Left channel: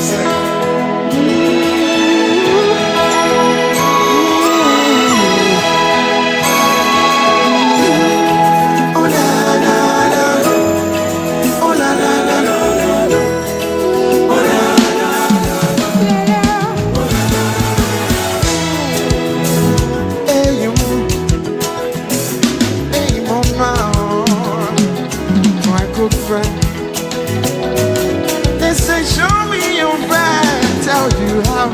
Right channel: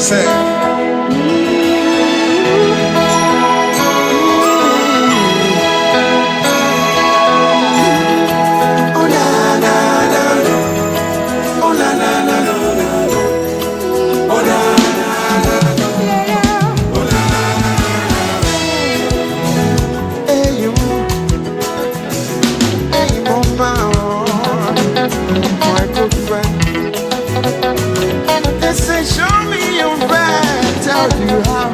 Say. Oh la la la, oh la la la, oh la la la, oh la la la. Hey you, mama, my good friend. They say show me your friend, tell you how.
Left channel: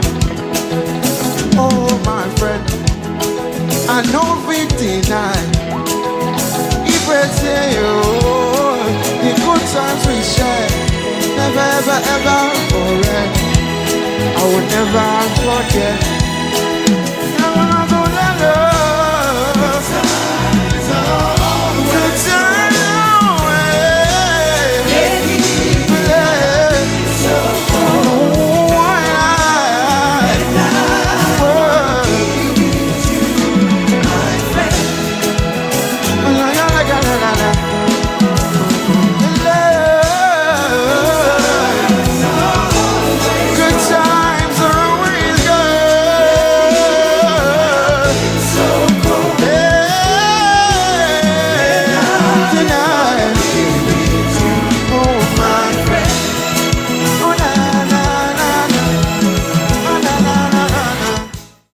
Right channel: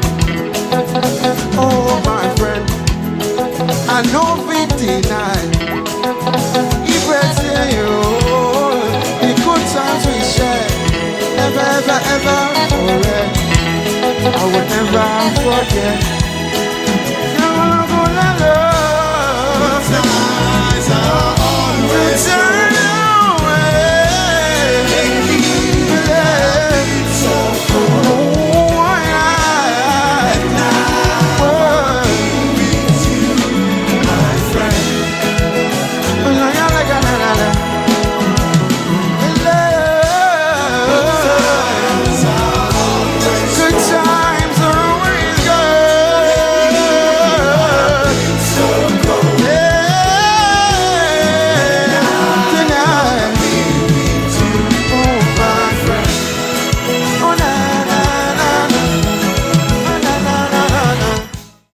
Oh my friend, I know we deny. If we say you, the good times we share, never ever ever forget. I will never forget. Never gonna go let love. Good times are always good times away. So oh, and I will miss you, my friend. Oh, la la la la la.